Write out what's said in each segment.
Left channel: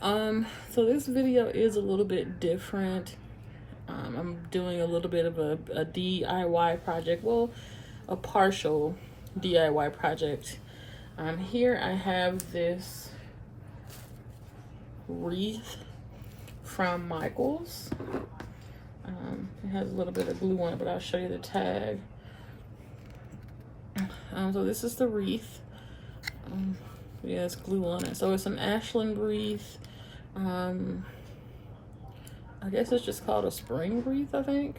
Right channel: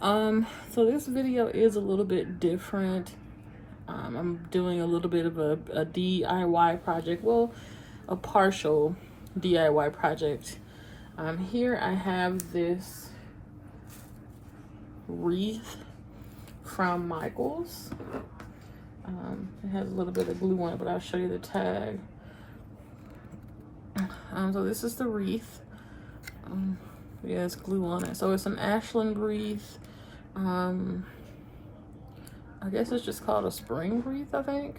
So this video is a little bit different. I'm doing a little bit of a DIY project. Well, a partial DIY project. Here I have this wreath from Michaels. It has a little bit of glue on it, but I'll show you the tag. So this is the wreath. Yeah, it's glue on it. So it's an Ashland wreath. I guess it's just called a spring wreath, I think.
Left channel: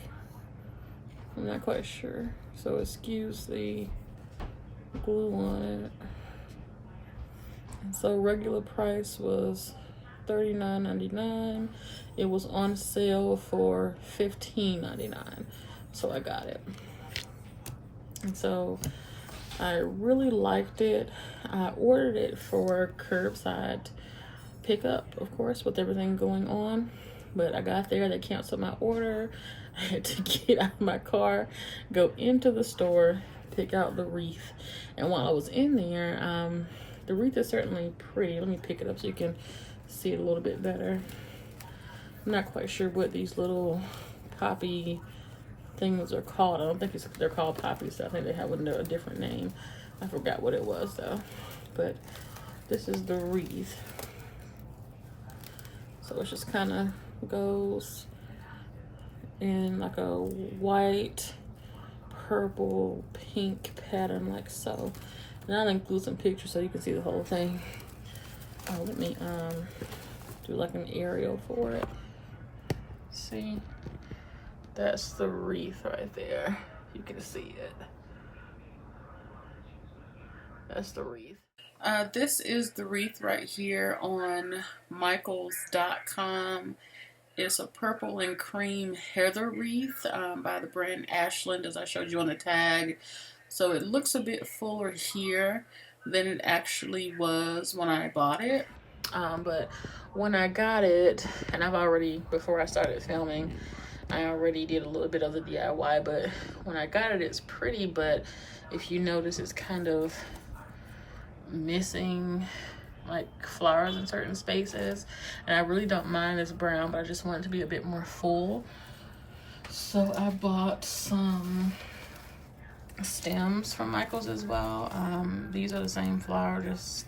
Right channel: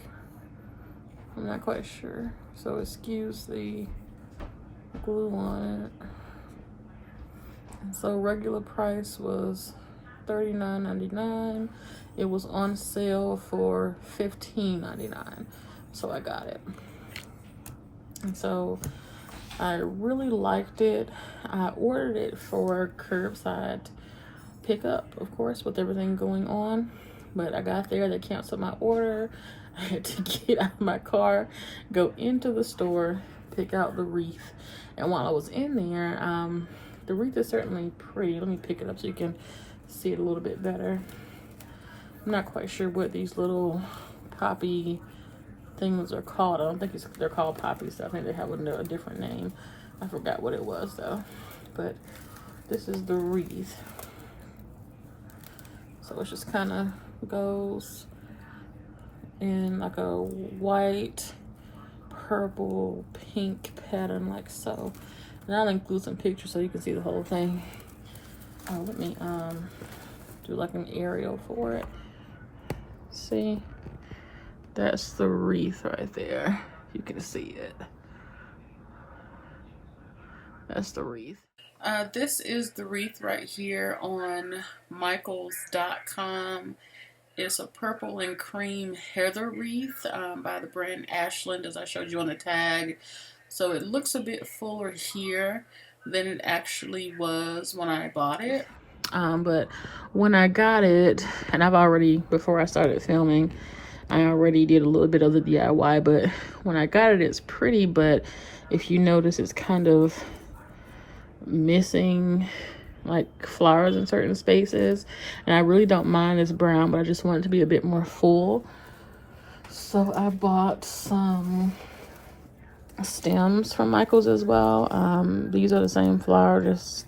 I'm not quite sure. So excuse the glue on it. And so regular price was $39.99. It was on sale for $15.99. So I got it. And so I really liked it. I ordered it for curbside pickup, of course, with everything going on. But I got there, they canceled my order. I had to get out of my car, go into the store, pick out the wreath. And while I was in there, the wreath is certainly pretty. Let me pick it up so you can see it a little bit better. I'm not quite sure what these little poppy things are called. I don't think they're called poppies. I think they have a different name. I forgot what it was though. But this is the wreath. So it just kind of goes in like a white, purple, pink pattern like so. And I'll include some pictures so you can see the whole thing. Oh, let me do like an aerial for it. See? That's the wreath right there. You can see it. That's the wreath. This is the wreath right here on michaels.com. It's a purple and cream heather wreath by the brand Ashland, as I showed you on the tag. So it looks a bit fuller here than it actually was when I bought it. But when I got it, and I've already, before I started filming, I already did a little bit of the DIY, but when I got it, it's pretty, but if you notice, it's kind of missing like flowers in certain spaces, and I really don't mind this brown, but I just want it to be a bit more full. So I bought some stems from Michaels as well. These are the same flower, just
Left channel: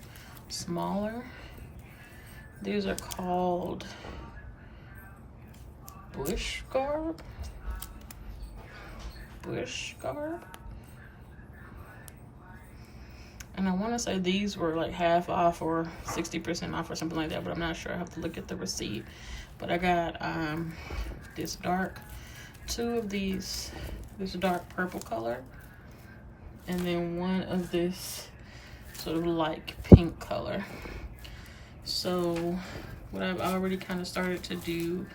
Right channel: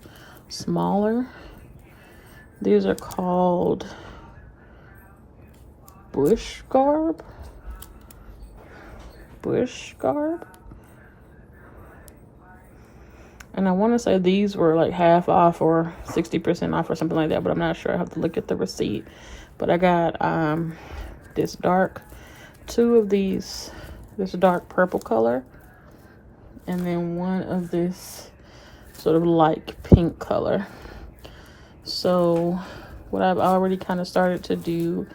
smaller. These are called bush garb. And I want to say these were like half off or 60% off or something like that, but I'm not sure. I have to look at the receipt. But I got this two of these, this dark purple color, and then one of this sort of light pink color. So what I've already kind of started to do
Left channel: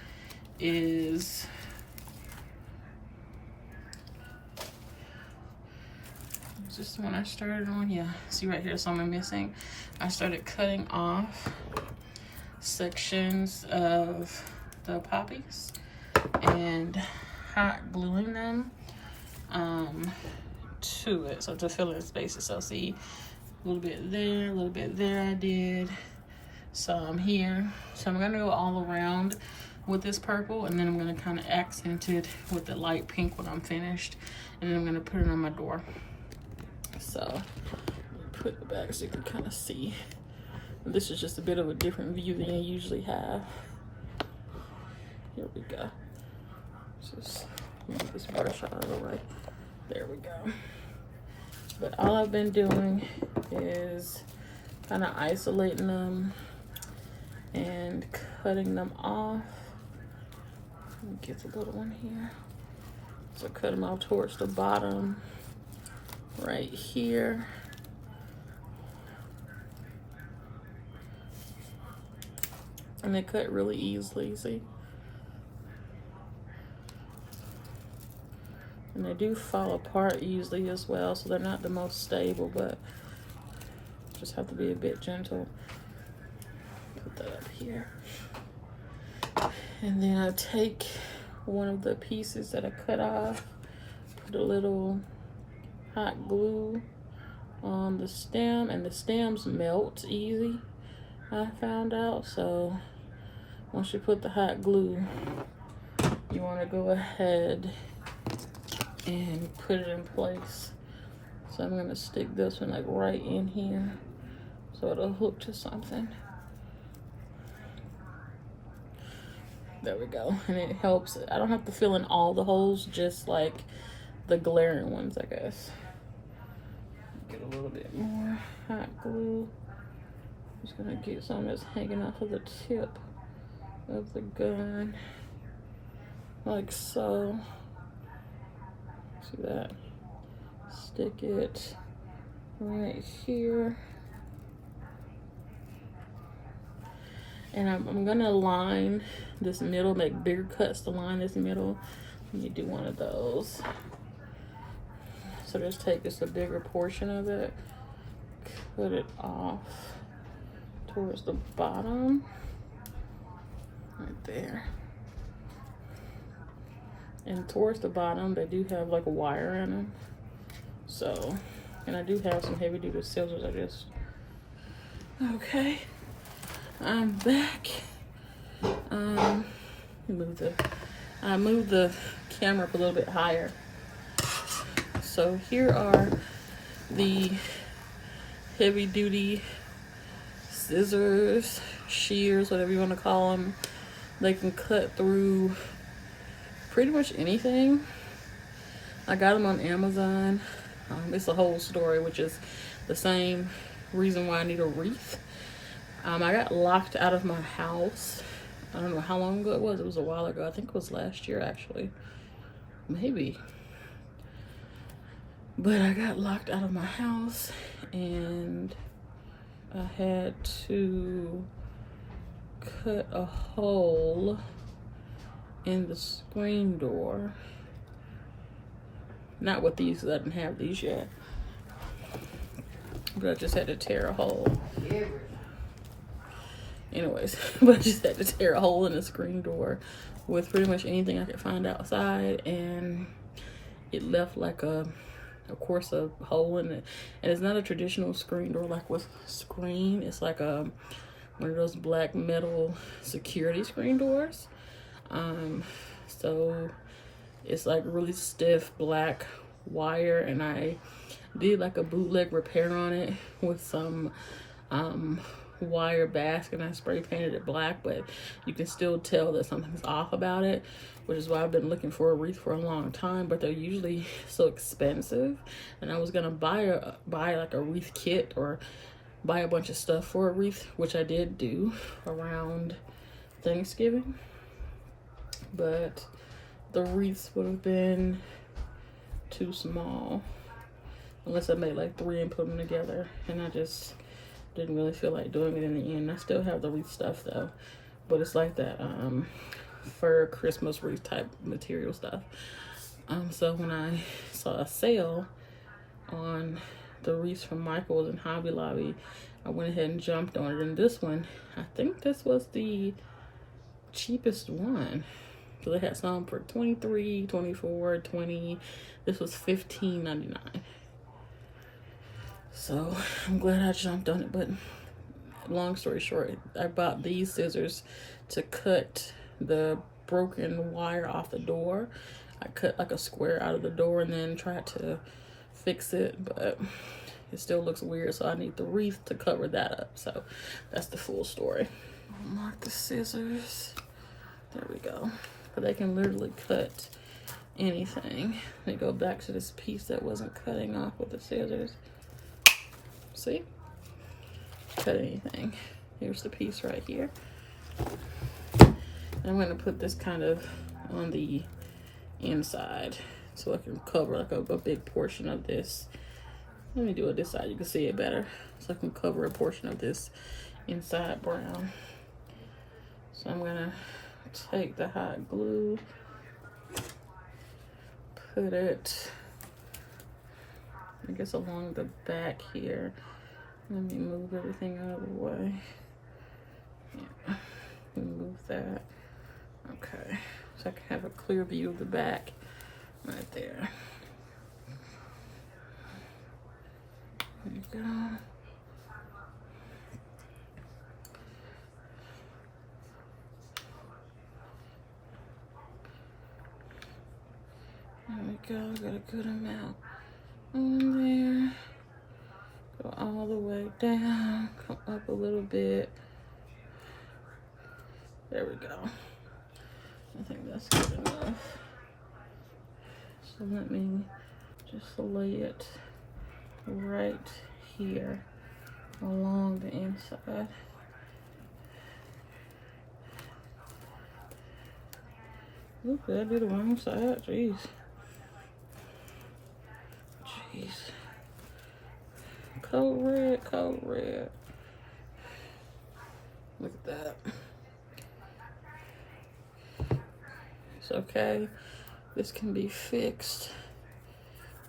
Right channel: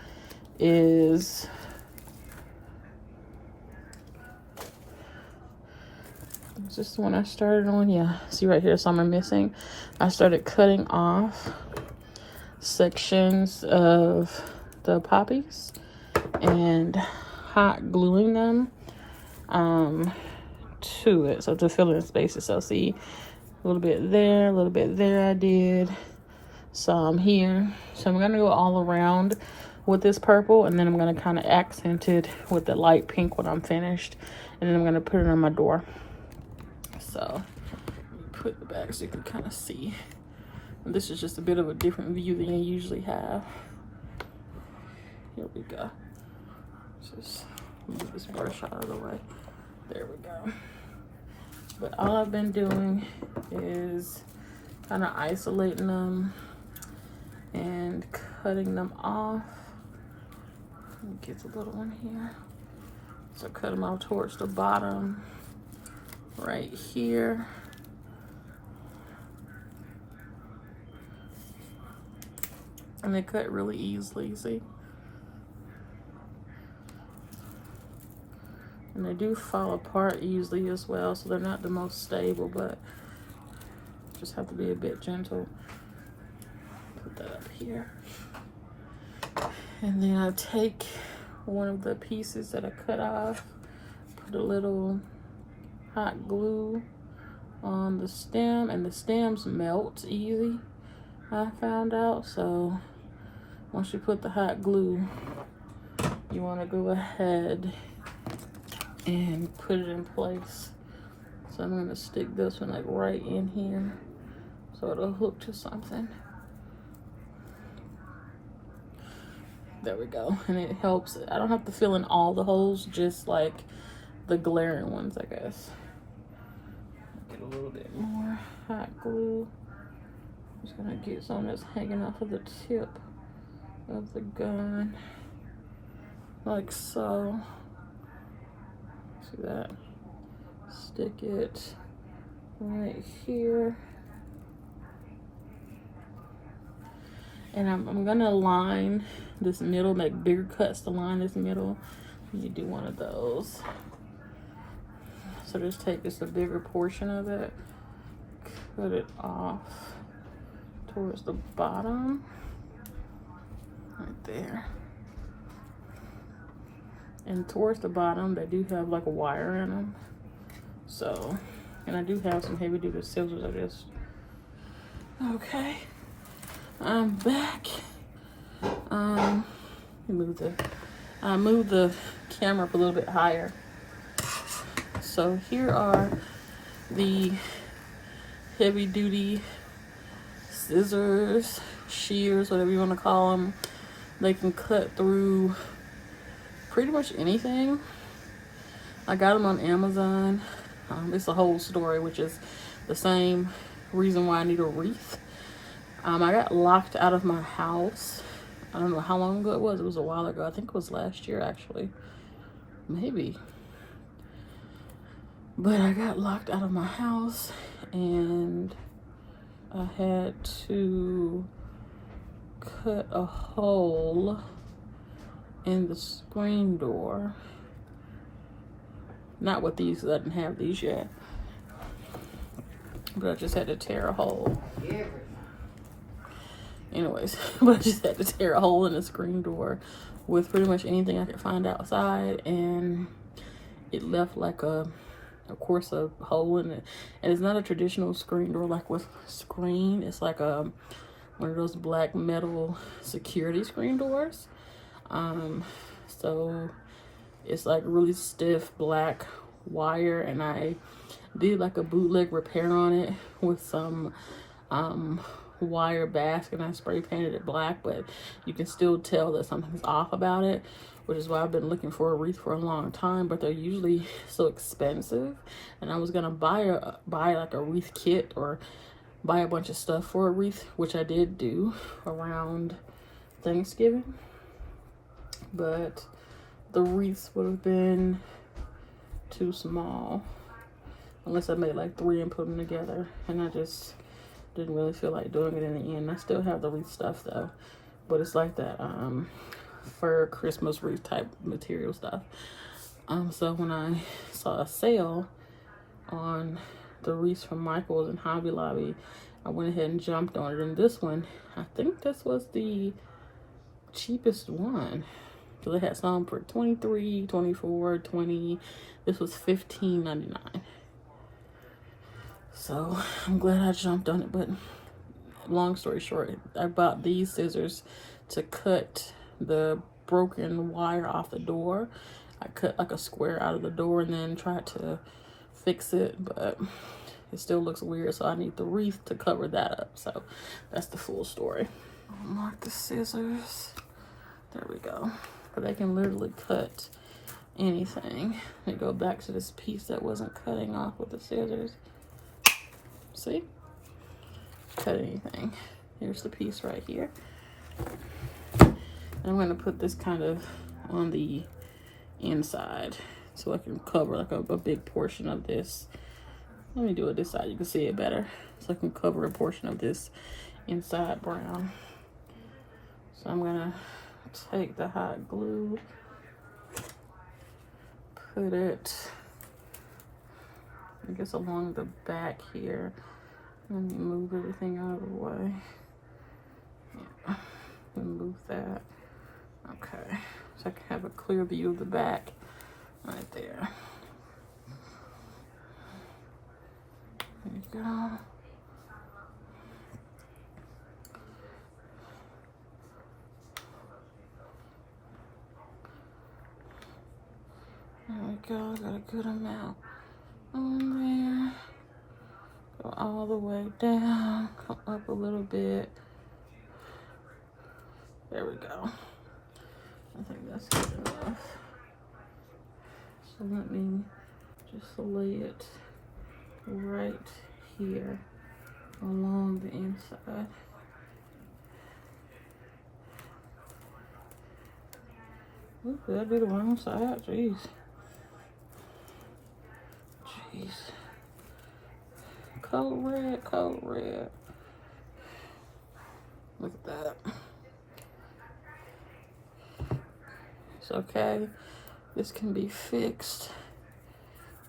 is this one I started on. Yeah, see right here, some are missing. I started cutting off sections of the poppies and hot gluing them to it, so to fill in spaces. So see, a little bit there, a little bit there. I did some here. So I'm gonna go all around with this purple, and then I'm gonna kind of accent it with the light pink when I'm finished, and then I'm gonna put it on my door. So put it back so you can kind of see. And this is just a bit of a different view than you usually have. Here we go. Just move this brush out of the way. There we go. But all I've been doing is kind of isolating them and cutting them off. Let me get the little one here. So cut them out towards the bottom right here. And they cut really easily, see? And they do fall apart easily as well, so they're not the most stable, but just have to be a bit gentle. Put that up here. And then I take one of the pieces that I cut off, put a little hot glue on the stem, and the stems melt easy. I found out. So once you put the hot glue, you want to go ahead and put it in place. So I'm going to stick this one like right in here so it'll hook to something. There we go. And it helps. I don't have to fill in all the holes, just like the glaring ones, I guess. Get a little bit more hot glue. Just gonna get some that's hanging off of the tip of the gun, like so. See that? Stick it right here. And I'm gonna line this middle, make bigger cuts to line this middle. Let me do one of those. So just take just a bigger portion of it, cut it off towards the bottom, right there. And towards the bottom, they do have like a wire in them. So, and I do have some heavy duty scissors I just, okay. I'm back. I moved the camera up a little bit higher. So here are the heavy duty scissors, shears, whatever you want to call them. They can cut through pretty much anything. I got them on Amazon. It's a whole story, which is the same reason why I need a wreath. I got locked out of my house. I don't know how long ago it was. It was a while ago. I think it was last year, actually. Maybe. But I got locked out of my house, and I had to cut a hole in the screen door. Not with these, because I didn't have these yet. But I just had to tear a hole. Anyways, but I just had to tear a hole in the screen door with pretty much anything I could find outside, and it left like of course a hole in it. And it's not a traditional screen door like with screen. It's like one of those black metal security screen doors. So it's like really stiff black wire, and I did like a bootleg repair on it with some wire basket, and I spray painted it black, but you can still tell that something's off about it, which is why I've been looking for a wreath for a long time, but they're usually so expensive. And I was gonna buy like a wreath kit or buy a bunch of stuff for a wreath, which I did do around Thanksgiving, but the wreaths would have been too small unless I made like 3 and put them together, and I just didn't really feel like doing it in the end. I still have the wreath stuff though, but it's like that fur Christmas wreath type material stuff. So when I saw a sale on the wreaths from Michael's and Hobby Lobby, I went ahead and jumped on it. And this one, I think this was the cheapest one. So they had some for $23, $24, $20. This was $15.99. So I'm glad I jumped on it. But long story short, I bought these scissors to cut the broken wire off the door. I cut like a square out of the door and then tried to fix it, but it still looks weird, so I need the wreath to cover that up. So that's the full story. I'll mark the scissors. There we go. But they can literally cut anything. They go back to this piece that wasn't cutting off with the scissors. See? Cut anything. Here's the piece right here. I'm going to put this kind of on the inside so I can cover like a big portion of this. Let me do it this side, you can see it better. So I can cover a portion of this inside brown. So I'm going to take the hot glue, put it, I guess, along the back here. Let me move everything out of the way. Yeah. Move that. Okay, so I can have a clear view of the back right there. There you go. we go, got a good amount on there. Go all the way down, come up a little bit. There we go. I think that's good enough. So let me just lay it right here along the inside. Ooh, did I do the wrong side? Jeez. Jeez. Cold red, cold red. Look at that. It's okay. This can be fixed.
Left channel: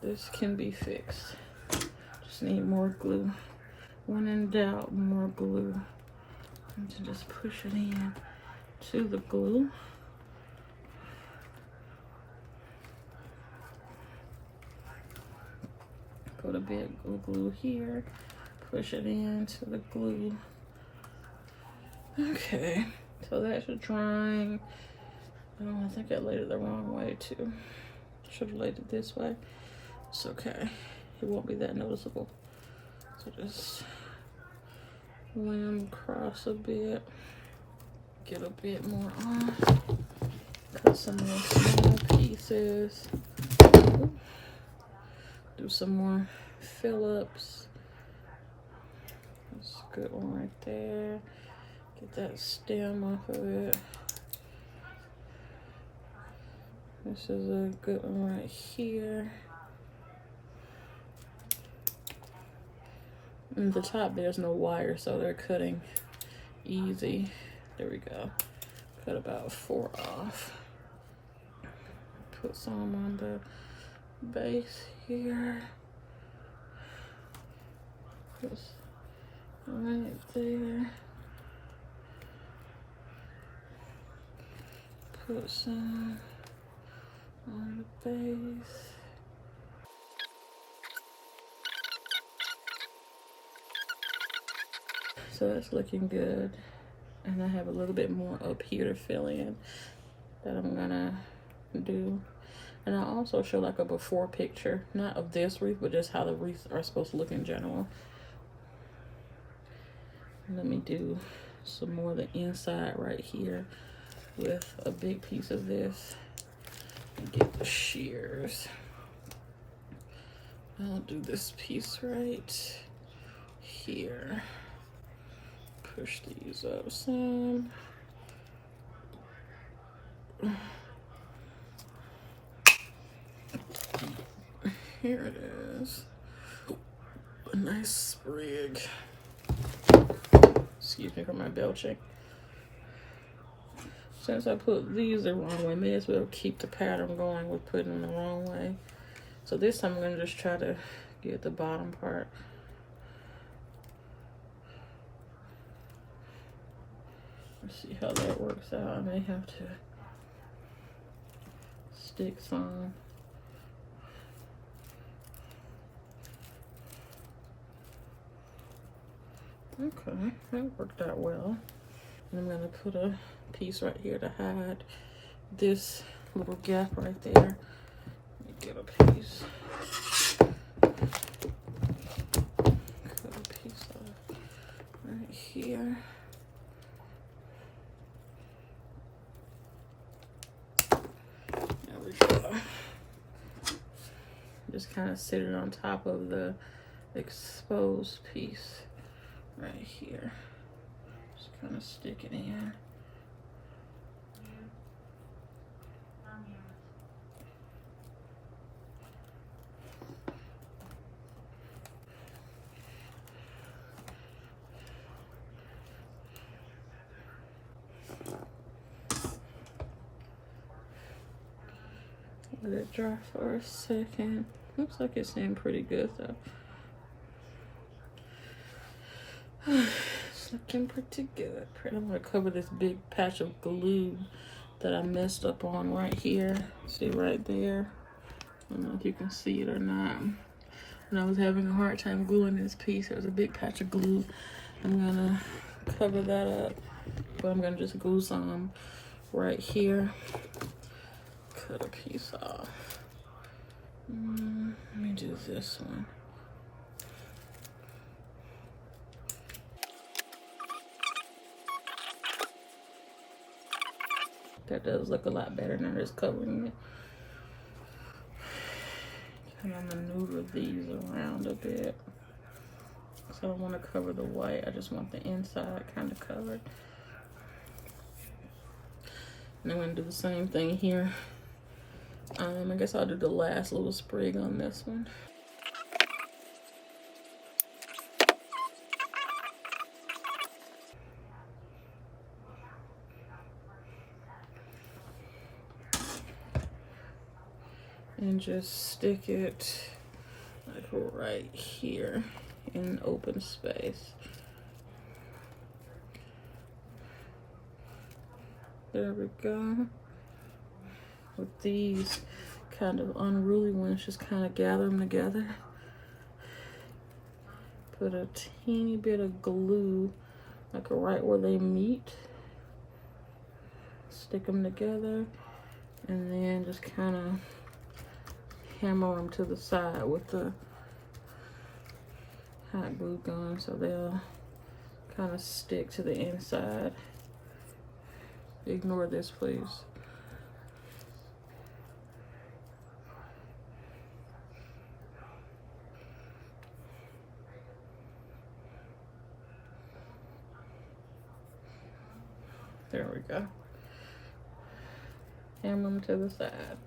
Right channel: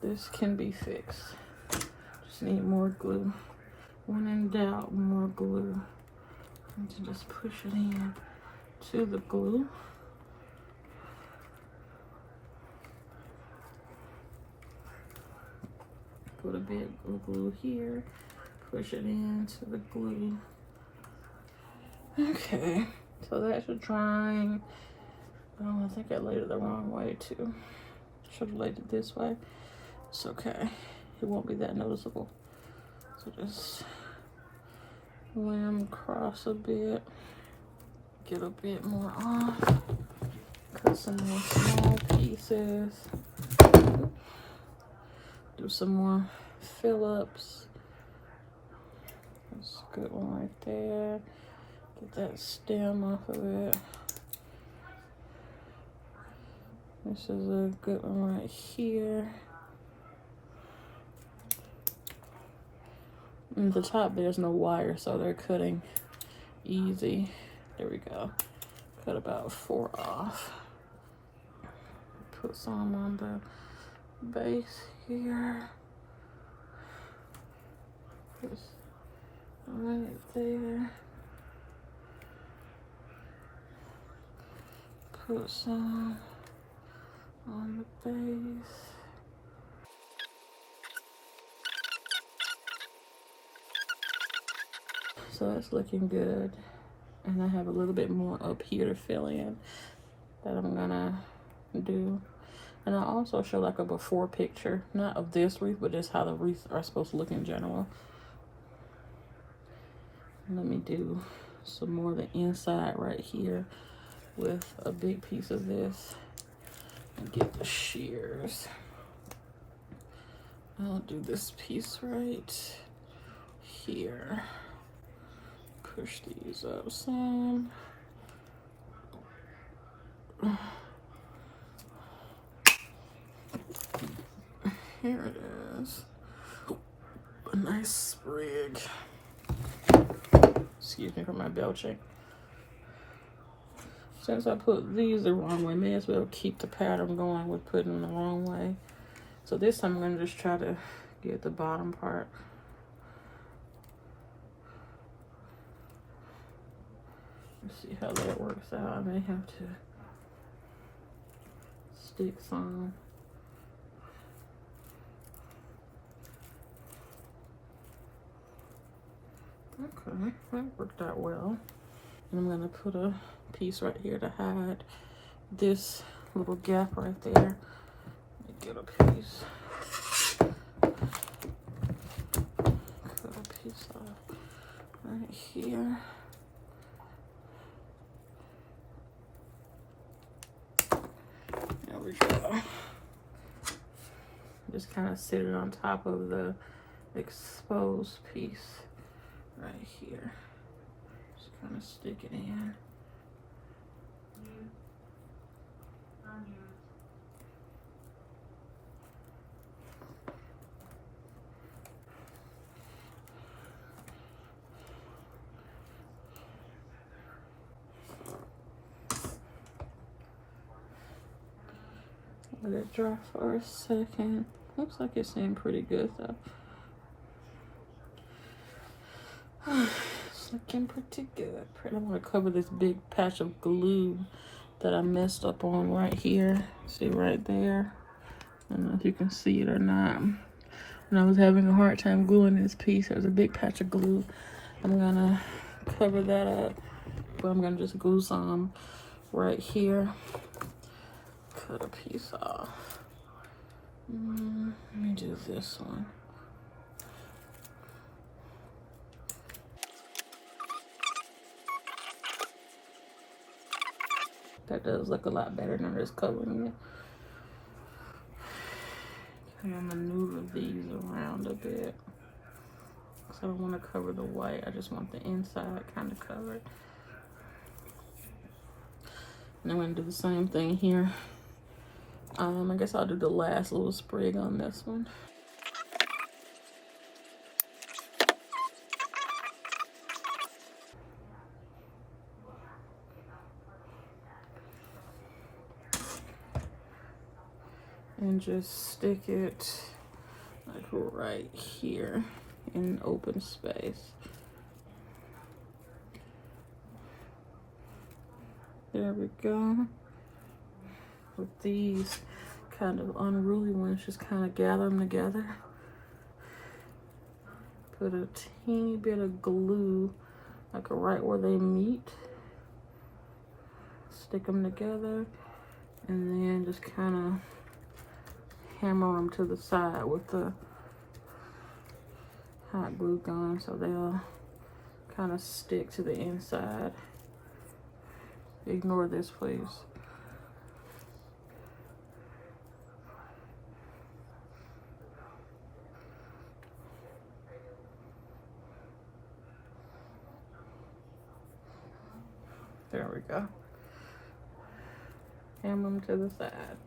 This can be fixed. Just need more glue. When in doubt, more glue. And to just push it in to the glue. Put a bit of glue here. Push it into the glue. Okay, so that's drying. Oh, I think I laid it the wrong way too. Should have laid it this way. It's okay. It won't be that noticeable. So just lay them across a bit. Get a bit more off. Cut some more small pieces. Do some more fill-ups. That's a good one right there. Get that stem off of it. This is a good one right here. And the top, there's no wire, so they're cutting easy. There we go. Cut about 4 off. Put some on the base here. Put right there. Put some on the base. So it's looking good. And I have a little bit more up here to fill in that I'm gonna do. And I also show like a before picture, not of this wreath, but just how the wreaths are supposed to look in general. Let me do some more of the inside right here with a big piece of this. And get the shears. I'll do this piece right here. Push these up some. Here it is. A nice sprig. Excuse me for my belching. Since I put these the wrong way, may as well keep the pattern going with putting them the wrong way. So this time I'm gonna just try to get the bottom part. Let's see how that works out. I may have to stick some. Okay, that worked out well. And I'm gonna put a piece right here to hide this little gap right there. Let me get a piece. Cut a piece off right here. There we go. Just kind of sit it on top of the exposed piece right here. Just kind of stick it in. Let it dry for a second. Looks like it's in pretty good though. It's looking pretty good. I'm gonna cover this big patch of glue that I messed up on right here. See right there? I don't know if you can see it or not. When I was having a hard time gluing this piece, there's a big patch of glue. I'm gonna cover that up. But I'm gonna just glue some right here. Cut a piece off. Let me do this one. That does look a lot better than just covering it. I'm gonna maneuver these around a bit. So I don't want to cover the white. I just want the inside kind of covered. And I'm gonna do the same thing here. I guess I'll do the last little sprig on this one. And just stick it like right here in an open space. There we go. With these kind of unruly ones, just kind of gather them together. Put a teeny bit of glue, like right where they meet. Stick them together, and then just kind of hammer them to the side with the hot glue gun so they'll kind of stick to the inside. Ignore this, please. There we go. Hammer them to the side.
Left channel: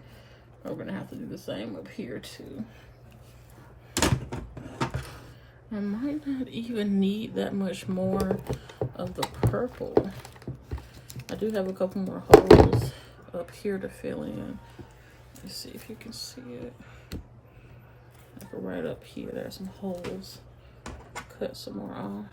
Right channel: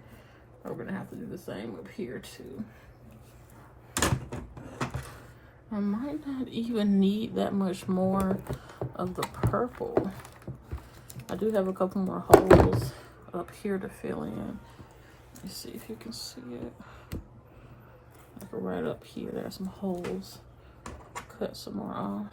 We're gonna have to do the same up here too. I might not even need that much more of the purple. I do have a couple more holes up here to fill in. Let's see if you can see it. Like right up here, there's some holes. Cut some more off.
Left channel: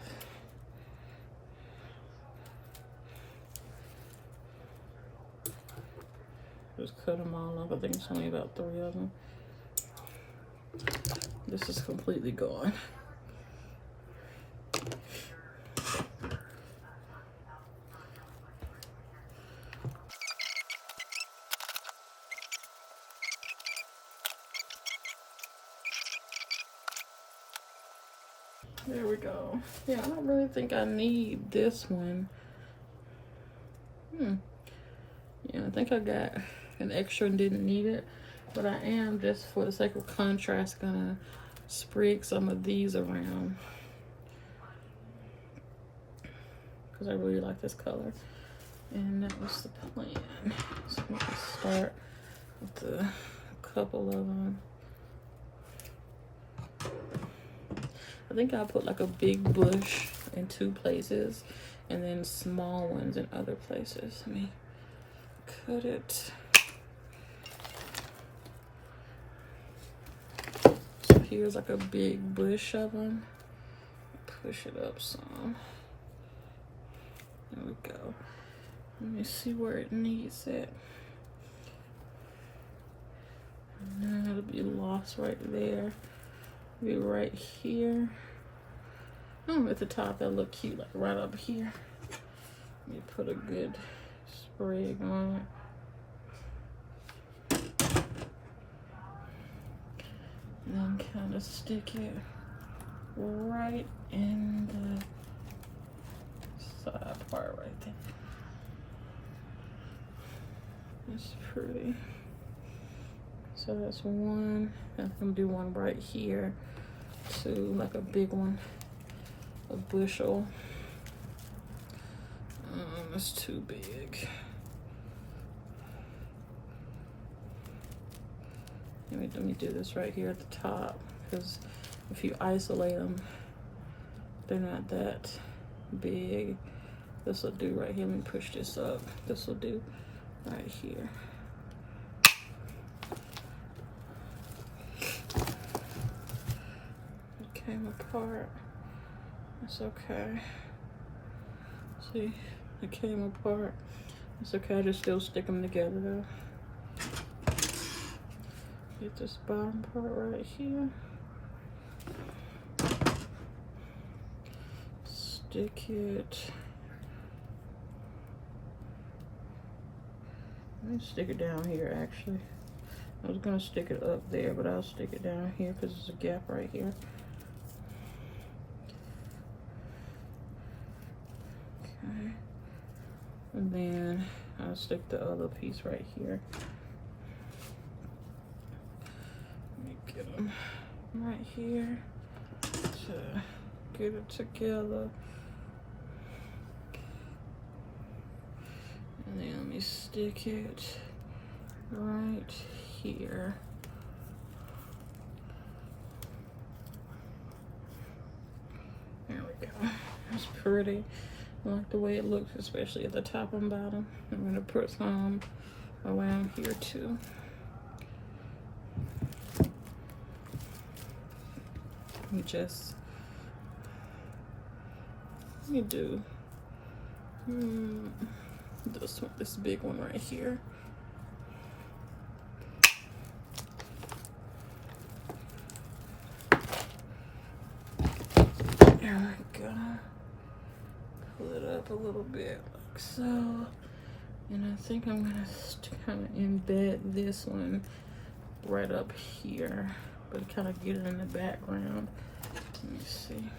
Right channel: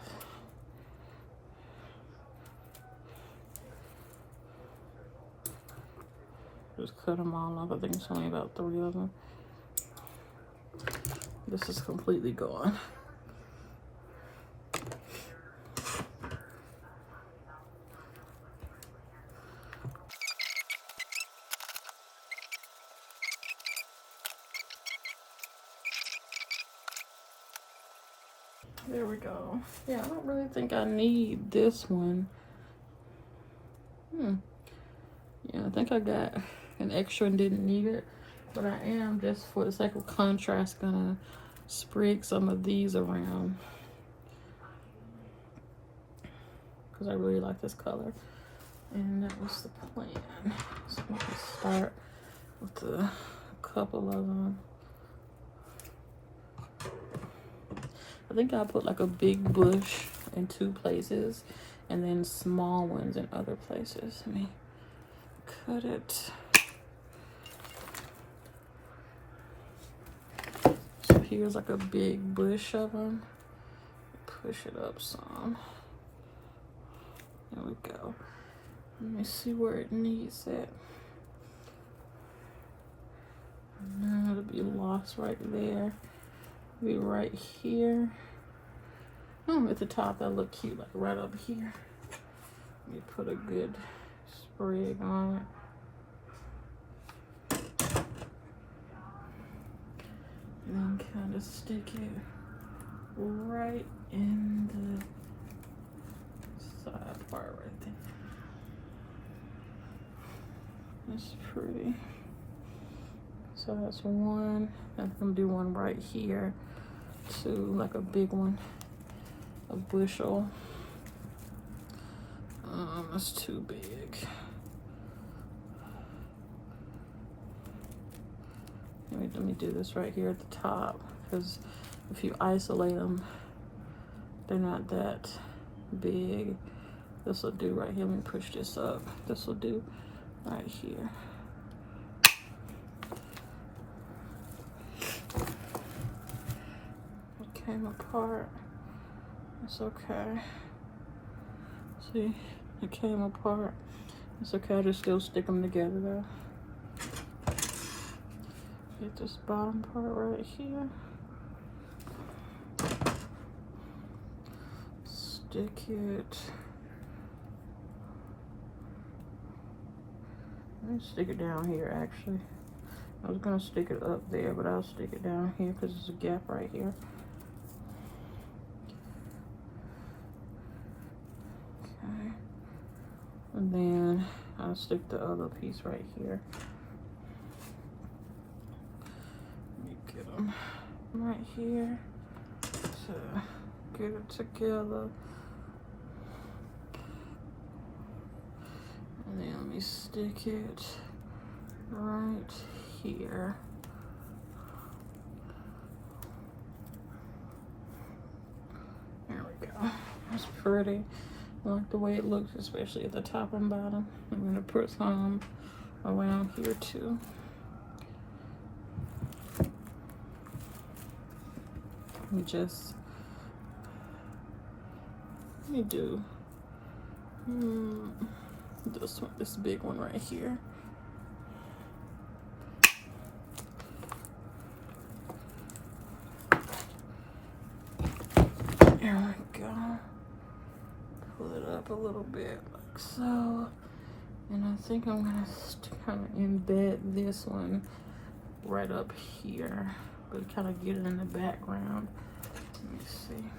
Just cut them all off. I think it's only about 3 of them. This is completely gone. There we go. Yeah, I don't really think I need this one. Yeah, I think I got an extra and didn't need it, but I am, just for the sake of contrast, gonna sprig some of these around because I really like this color, and that was the plan. So I'm gonna start with a couple of them. I think I'll put like a big bush in 2 places and then small ones in other places. Let me cut it. So here's like a big bush of them. Push it up some. There we go. Let me see where it needs it. No, it'll be lost right there. Be right here. Oh, at the top, that'll look cute, like right up here. Let me put a good sprig on it. And then kind of stick it right in the side part right there. That's pretty. So that's one. I'm gonna do one right here too, like a big one, a bushel. It's too big. Let me do this right here at the top, because if you isolate them, they're not that big. This will do right here. Let me push this up. This will do right here. It came apart. It's okay. See, it came apart. It's okay. I just still stick them together though. Get this bottom part right here. Stick it. Let me stick it down here actually. I was gonna stick it up there, but I'll stick it down here because there's a gap right here. Okay. And then I'll stick the other piece right here. Let me get them right here to get it together. And then let me stick it right here. There we go. That's pretty. I like the way it looks, especially at the top and bottom. I'm gonna put some around here too. Let me do this one, this big one right here. There we go. Pull it up a little bit like so. And I think I'm gonna kind of embed this one right up here, but kind of get it in the background. Let me see.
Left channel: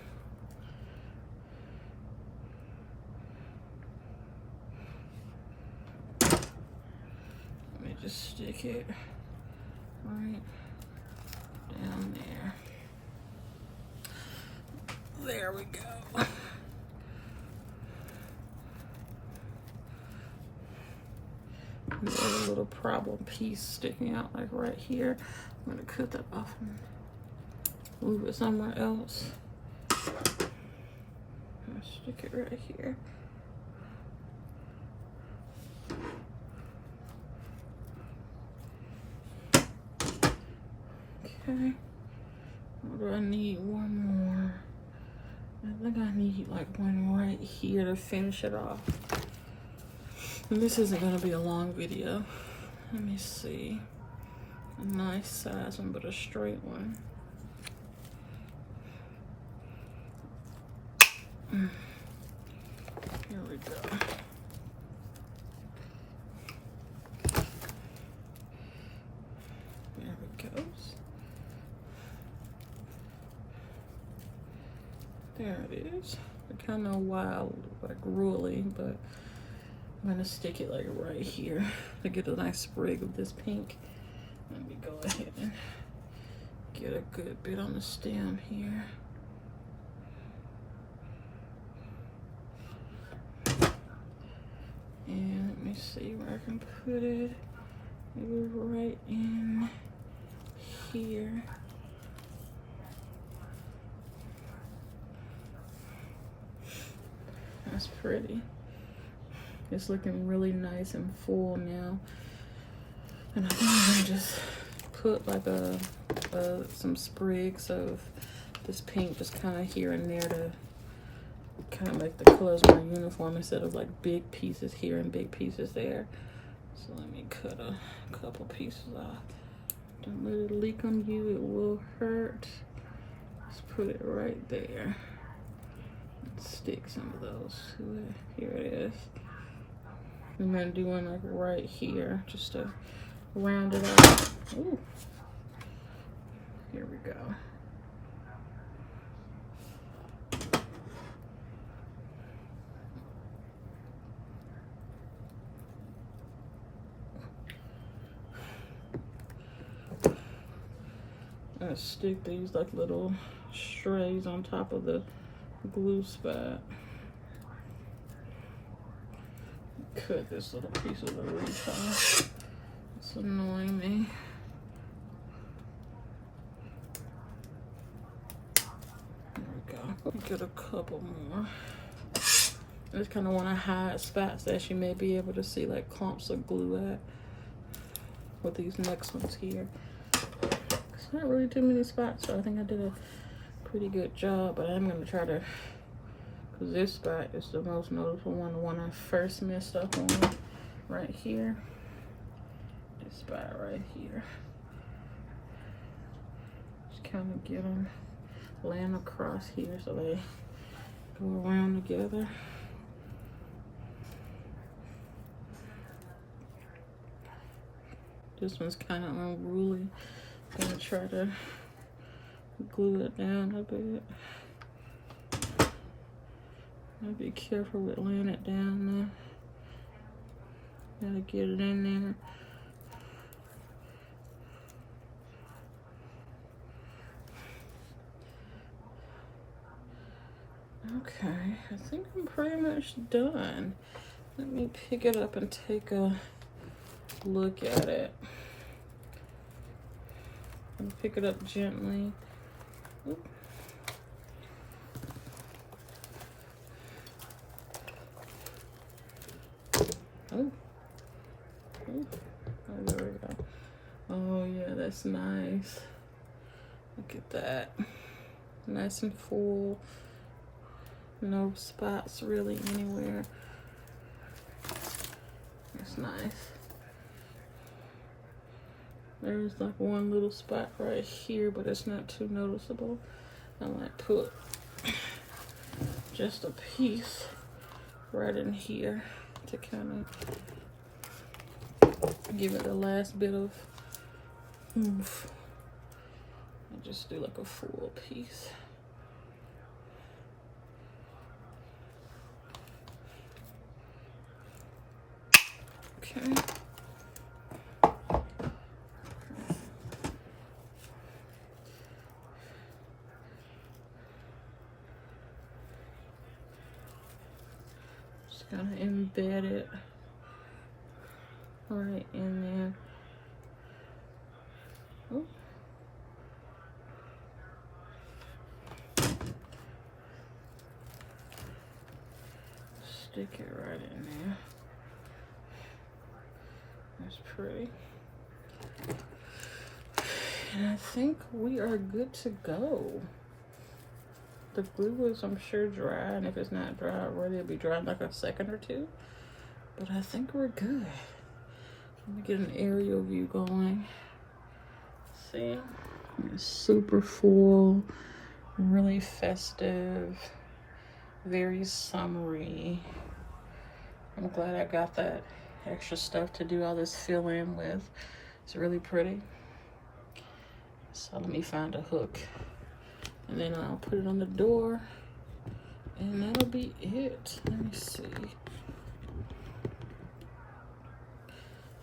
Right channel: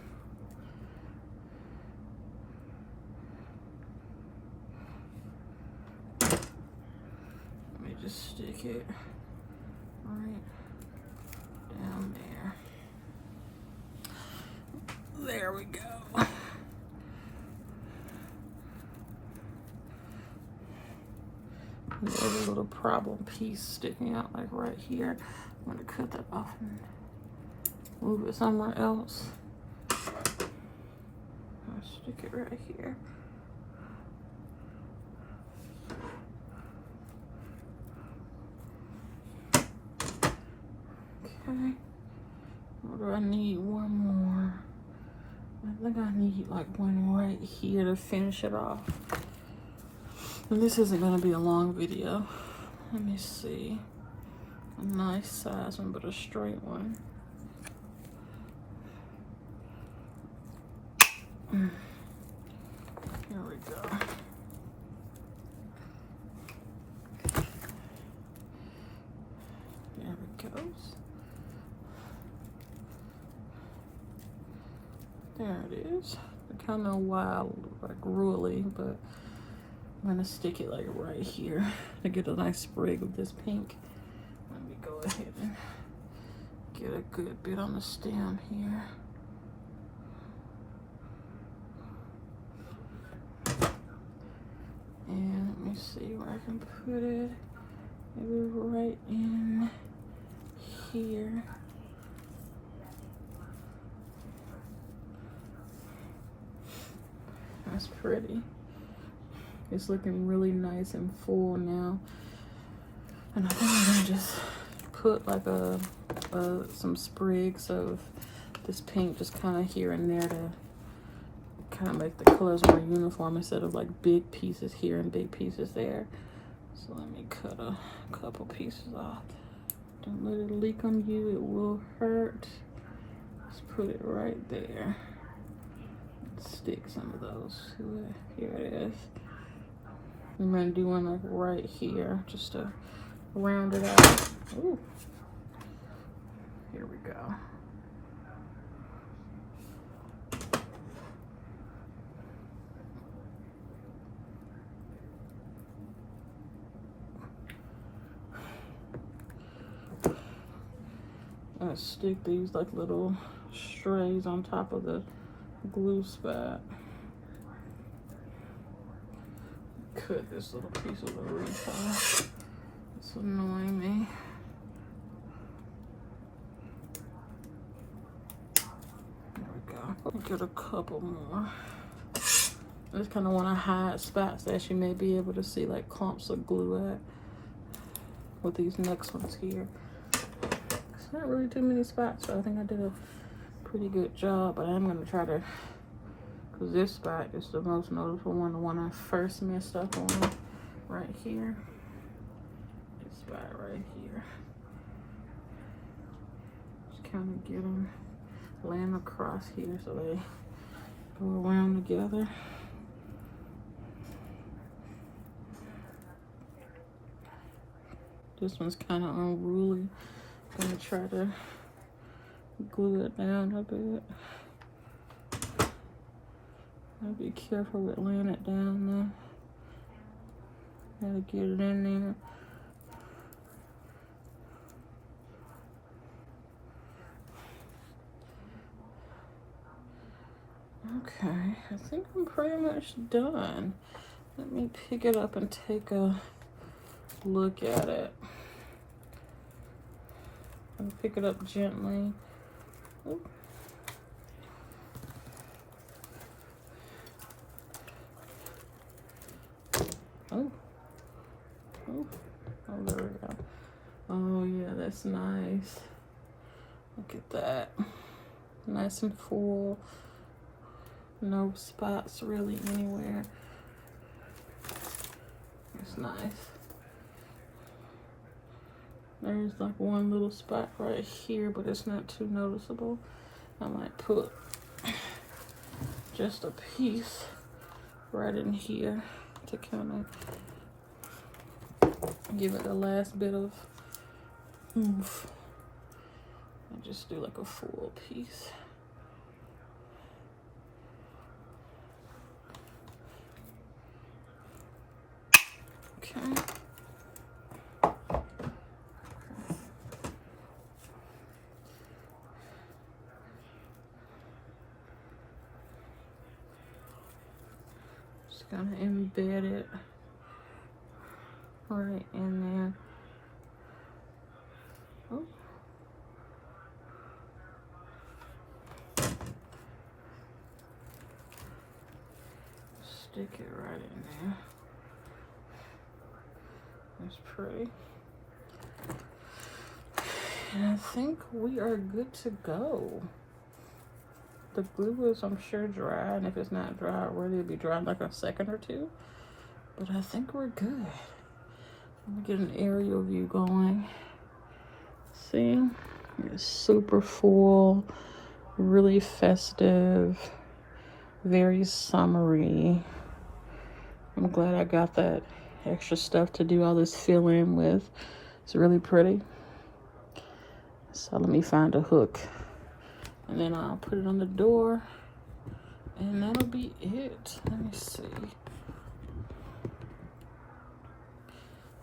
Let me just stick it right down there. There we go. There's a little problem piece sticking out like right here. I'm gonna cut that off and move it somewhere else. I'll stick it right here. Okay. What do I need? One more. I think I need like one right here to finish it off. And this isn't gonna be a long video. Let me see. A nice size one, but a straight one. Here we go. There it goes. There it is. Kind of wild, like ruly, but I'm gonna stick it like right here to get a nice sprig of this pink. Let me go ahead and get a good bit on the stem here. And let me see where I can put it. Maybe right in here. That's pretty. It's looking really nice and full now. And I think I'm gonna just put like some sprigs of this pink just kind of here and there to kind of make the colors more uniform instead of like big pieces here and big pieces there. So let me cut a couple pieces off. Don't let it leak on you, it will hurt. Just put it right there. Stick some of those to it. Here it is. I'm gonna do one like right here just to round it out. Ooh. Here we go. I'm gonna stick these like little strays on top of the glue spot. Cut this little piece of the wreath off. It's annoying me. There we go. Get a couple more. I just kind of want to hide spots that you may be able to see like clumps of glue at with these next ones here. It's not really too many spots, so I think I did a pretty good job, but I'm gonna try to, because this spot is the most noticeable one, the one I first messed up on right here. This spot right here. Just kind of get them laying across here so they go around together. This one's kind of unruly. I'm gonna try to glue it down a bit. I'll be careful with laying it down there. Gotta get it in there. Okay, I think I'm pretty much done. Let me pick it up and take a look at it. And pick it up gently. Ooh. Oh. Oh, there we go. Oh yeah, that's nice. Look at that. Nice and full. No spots really anywhere. It's nice. There's like one little spot right here, but it's not too noticeable. I might put just a piece right in here to kind of give it the last bit of oomph. I just do like a full piece. Okay. Just gonna embed it right in there. Oh. Stick it right in there. That's pretty. And I think we are good to go. The glue is, I'm sure, dry, and if it's not dry already, it'll be dry in like a second or two. But I think we're good. Let me get an aerial view going. See? It's super full, really festive, very summery. I'm glad I got that extra stuff to do all this fill in with. It's really pretty. So let me find a hook, and then I'll put it on the door, and that'll be it. Let me see.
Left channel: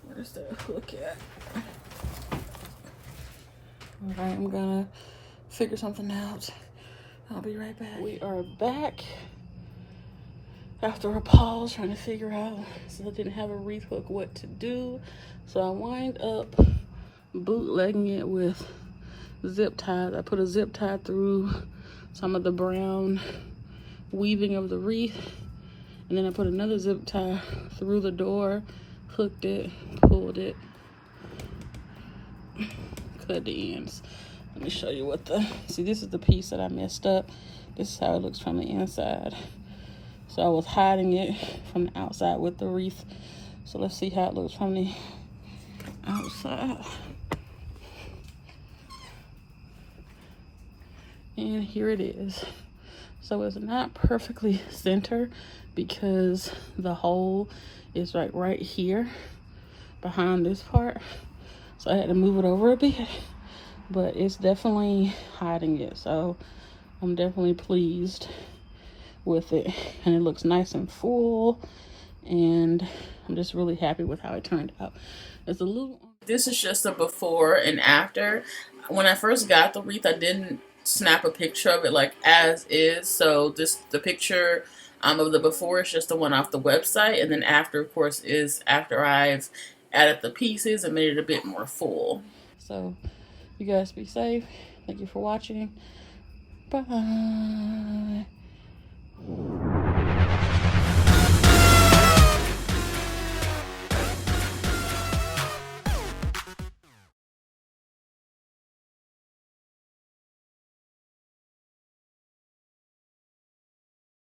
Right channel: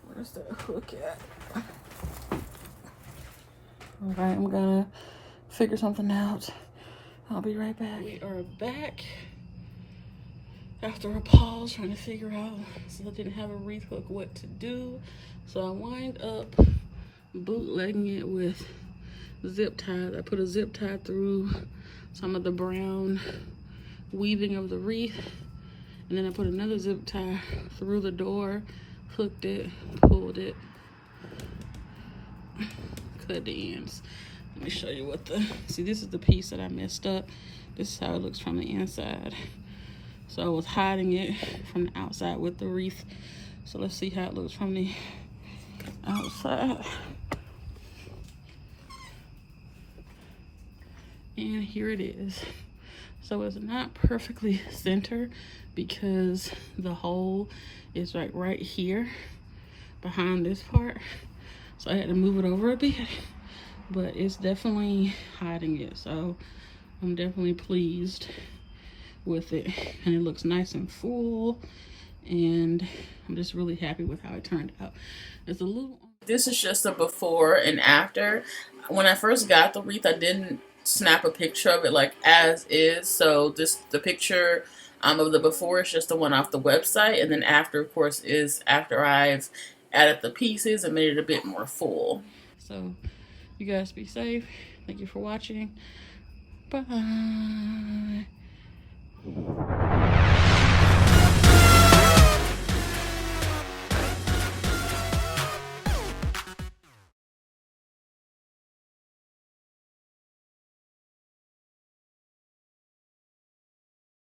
Where's that hook at? All right, I'm gonna figure something out. I'll be right back. We are back after a pause trying to figure out, since I didn't have a wreath hook, what to do. So I wind up bootlegging it with zip ties. I put a zip tie through some of the brown weaving of the wreath, and then I put another zip tie through the door, hooked it, pulled it, cut the ends. Let me show you what see, this is the piece that I messed up. This is how it looks from the inside. So I was hiding it from the outside with the wreath. So let's see how it looks from the outside. And here it is. So it's not perfectly centered because the hole is like right here behind this part. So I had to move it over a bit, but it's definitely hiding it. So I'm definitely pleased with it, and it looks nice and full, and I'm just really happy with how it turned out. It's a little, this is just a before and after. When I first got the wreath, I didn't snap a picture of it like as is, so the picture of the before is just the one off the website, and then after, of course, is after I've added the pieces and made it a bit more full. So you guys be safe. Thank you for watching. Bye.